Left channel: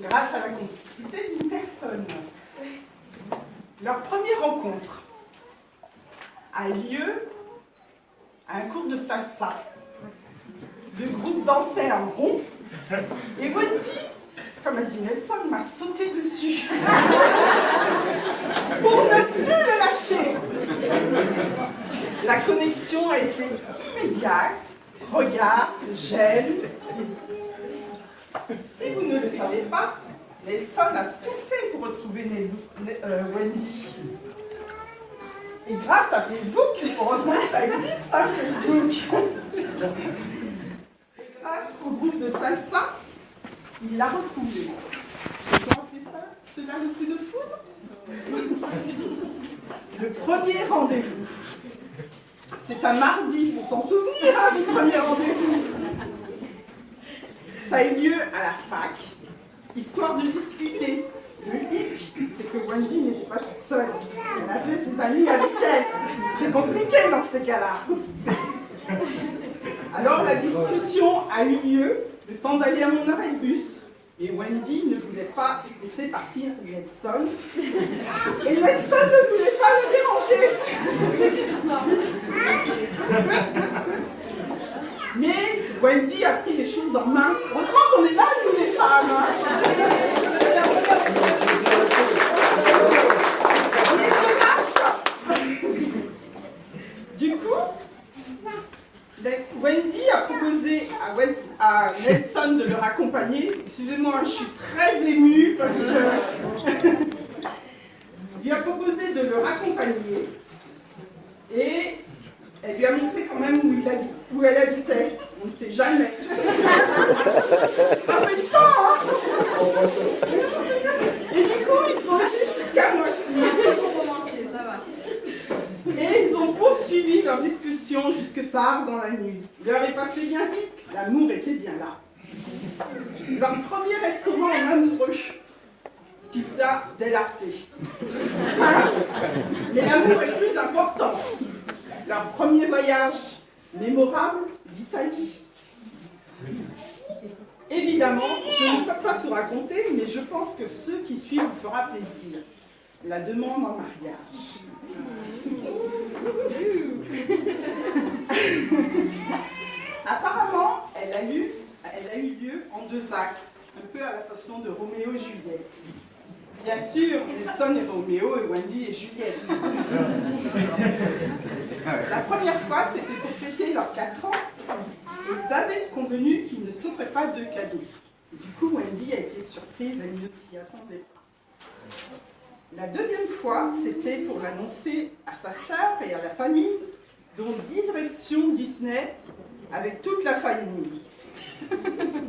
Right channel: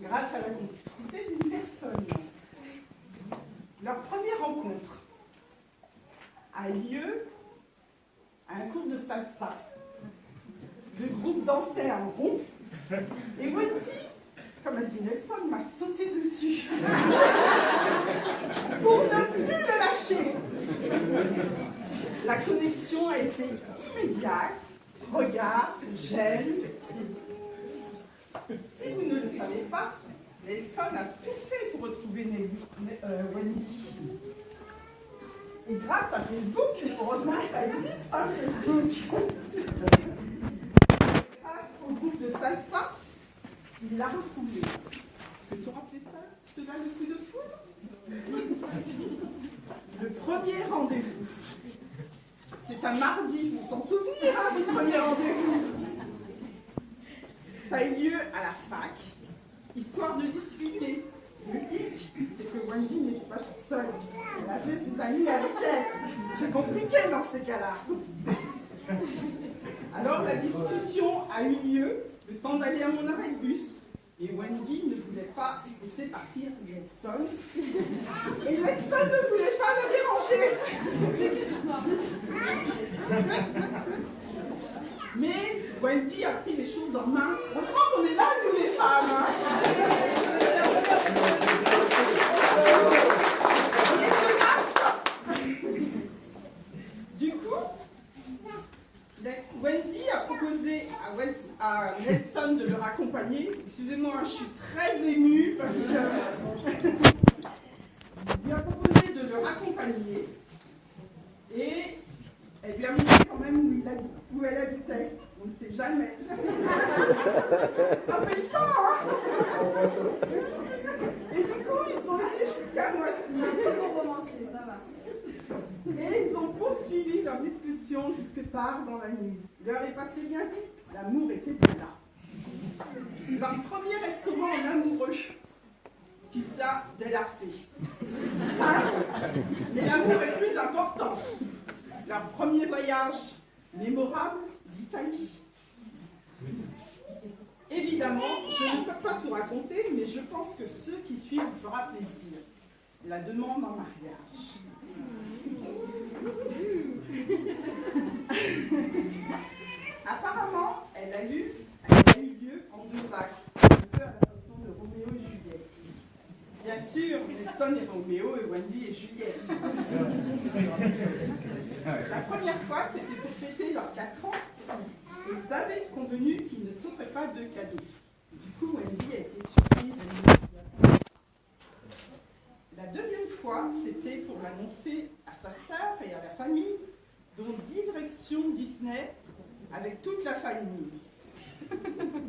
grâce à la complicité d'une personne. Leur première rencontre a lieu à un cours de salsa. Le groupe dansait en rond et Wendy, comme a dit Nelson, m'a sauté dessus pour ne plus le lâcher. La connexion a été immédiate, regard, gel. Si vous ne le savez pas, Nelson a tout fait pour retrouver Wendy. Et grâce à Facebook, heureusement que ça existe, hein, Facebook. Grâce au groupe de salsa, il l'a retrouvée. Et comment on fait ça? Cela le coup de foudre? Le premier rendez-vous. C'est un mardi, il faut s'en souvenir hein, du premier rendez-vous. Ça a eu lieu à la fac, histoire de discuter. Le hic, c'est que Wendy n'était pas toute seule. Elle a fait ses amis avec elle. C'est compliqué dans ces cas-là. Alors la discussion a eu lieu, le temps d'aller à mon arrêt de bus. Et Wendy ne voulait pas laisser partir Nelson. Et Nelson ne voulait pas le déranger. Mais Wendy a pris les choses en main. Heureusement qu'on est là, nous les femmes. Hein. Du coup, Wendy a proposé à Nelson de le raccompagner. Excusez-moi, je suis très émue parce que lui a proposé de le raccompagner et elle lui a montré quand même où elle habitait. On ne sait jamais. En même temps, hein. Et du coup, ils ont été jusqu'à Moissy. Et ils ont poursuivi leur discussion jusque tard dans la nuit. L'heure est passée bien vite, l'amour était bien là. Leur premier restaurant en amoureux, Pizza dell'Arte. Simple, mais l'amour est plus important. Leur premier voyage mémorable d'Italie. Évidemment, je ne peux pas tout raconter, mais je pense que ce qui suit vous fera plaisir. La demande en mariage. Apparemment, elle a eu lieu en 2 actes, un peu à la façon de Roméo et Juliette. Bien sûr, Nelson est Roméo et Wendy est Juliette. La première fois, c'était pour fêter leurs 4 ans. Ils avaient convenu qu'ils ne s'offraient pas de cadeaux. Du coup, Wendy a été surprise, elle ne s'y attendait pas. La deuxième fois, c'était pour l'annoncer à sa sœur et à la famille, dont direction Disney avec toute la famille.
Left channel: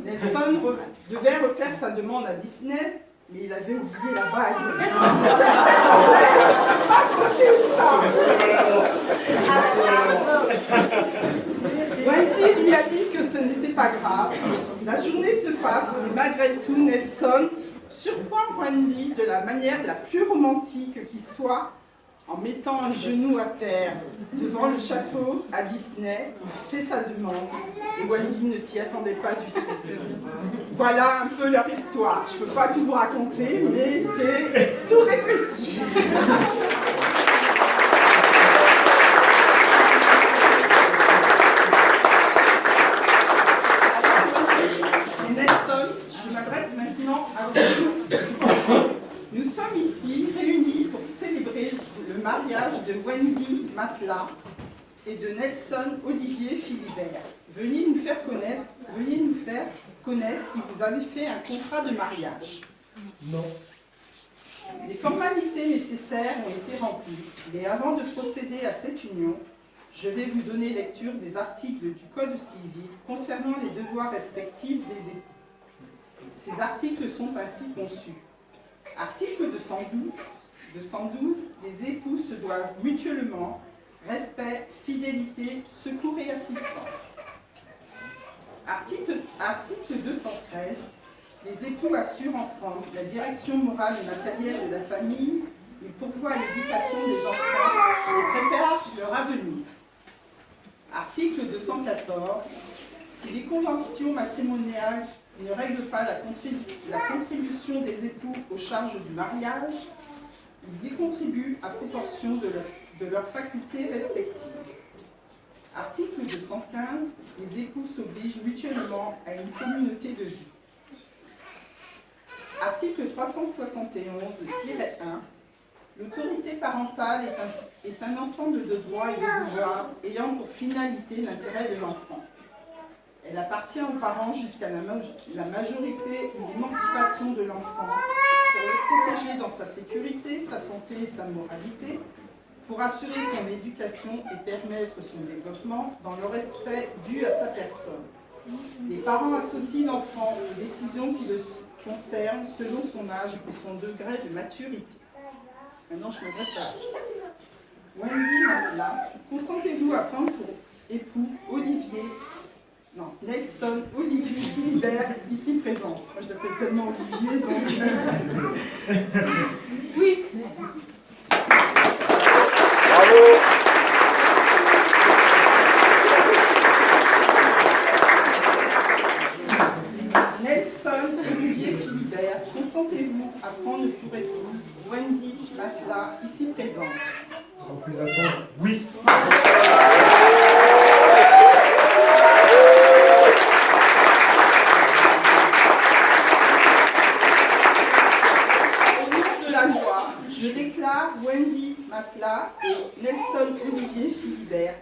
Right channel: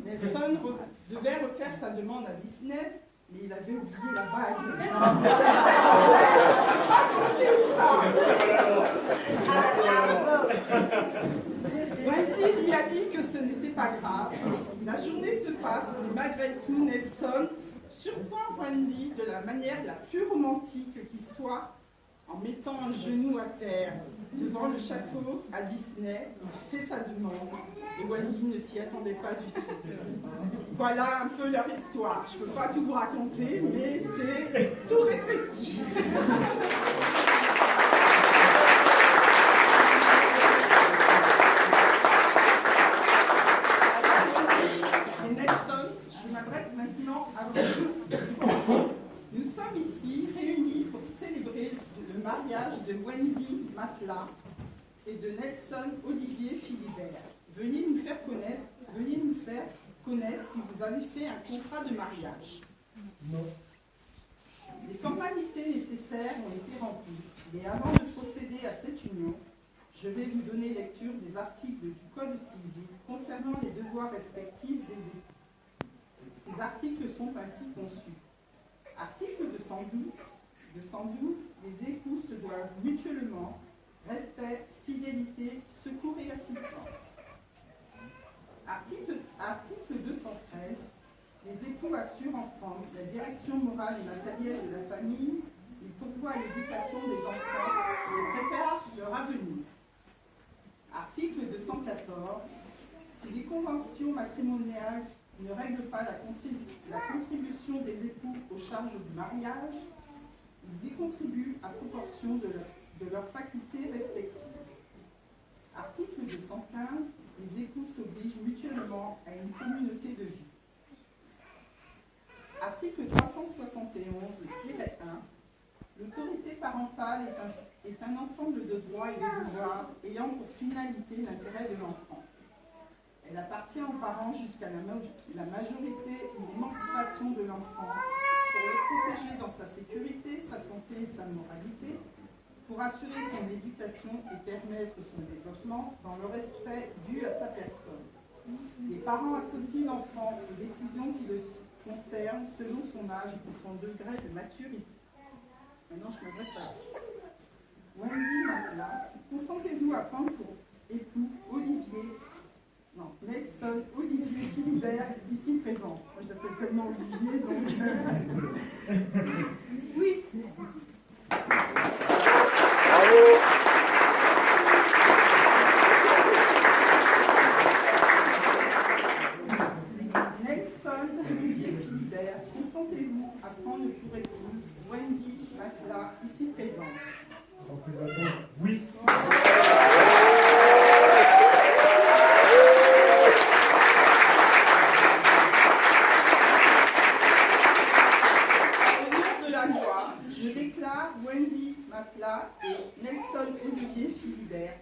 Nelson devait refaire sa demande à Disney, mais il avait oublié la bague. Wendy lui a dit que ce n'était pas grave. La journée se passe, mais malgré tout, Nelson surprend Wendy de la manière la plus romantique qui soit, en mettant un genou à terre devant le château à Disney. Il fait sa demande et Wendy ne s'y attendait pas du tout. Voilà un peu leur histoire. Je ne peux pas tout vous raconter, mais c'est tout rétréci. Et Nelson, je m'adresse maintenant à vous. Nous sommes ici réunis pour célébrer le mariage de Wendy Matla et de Nelson Olivier Philibert. Veuillez nous faire connaître si vous avez fait un contrat de mariage. Non. Les formalités nécessaires ont été remplies, mais avant de procéder à cette union, je vais vous donner lecture des articles du Code civil concernant les devoirs respectifs des époux. Ces articles sont ainsi conçus. Article 212, les époux se doivent mutuellement respect, fidélité, secours et assistance. Article 213, les époux assurent ensemble la direction morale et matérielle de la famille, ils pourvoient l'éducation des enfants et préparent leur avenir. Article 214, si les conventions matrimoniales ne règlent pas la contribution contribution des époux aux charges du mariage, ils y contribuent à proportion de leurs facultés respectives. Article 215, les époux s'obligent mutuellement à une communauté de vie. Article 371-1, l'autorité parentale est un ensemble de droits et de devoirs ayant pour finalité l'intérêt de l'enfant. Elle appartient aux parents jusqu'à la majorité ou l'émancipation de l'enfant pour le protéger dans sa sécurité, sa santé et sa moralité, pour assurer son éducation et permettre son développement dans le respect dû à sa personne. Les parents associent l'enfant aux décisions qui le concernent selon son âge et son degré de maturité. Maintenant, je m'adresse à Wendy Matla. Consentez-vous à prendre pour époux Nelson Olivier Philibert, ici présent. Moi, je l'appelle tellement Olivier, donc... Oui. Bravo. Nelson Olivier Philibert, consentez-vous à prendre pour épouse Wendy Matla, ici présente? Sans plus attendre, oui. Je déclare Wendy Matla et Nelson Olivier Philibert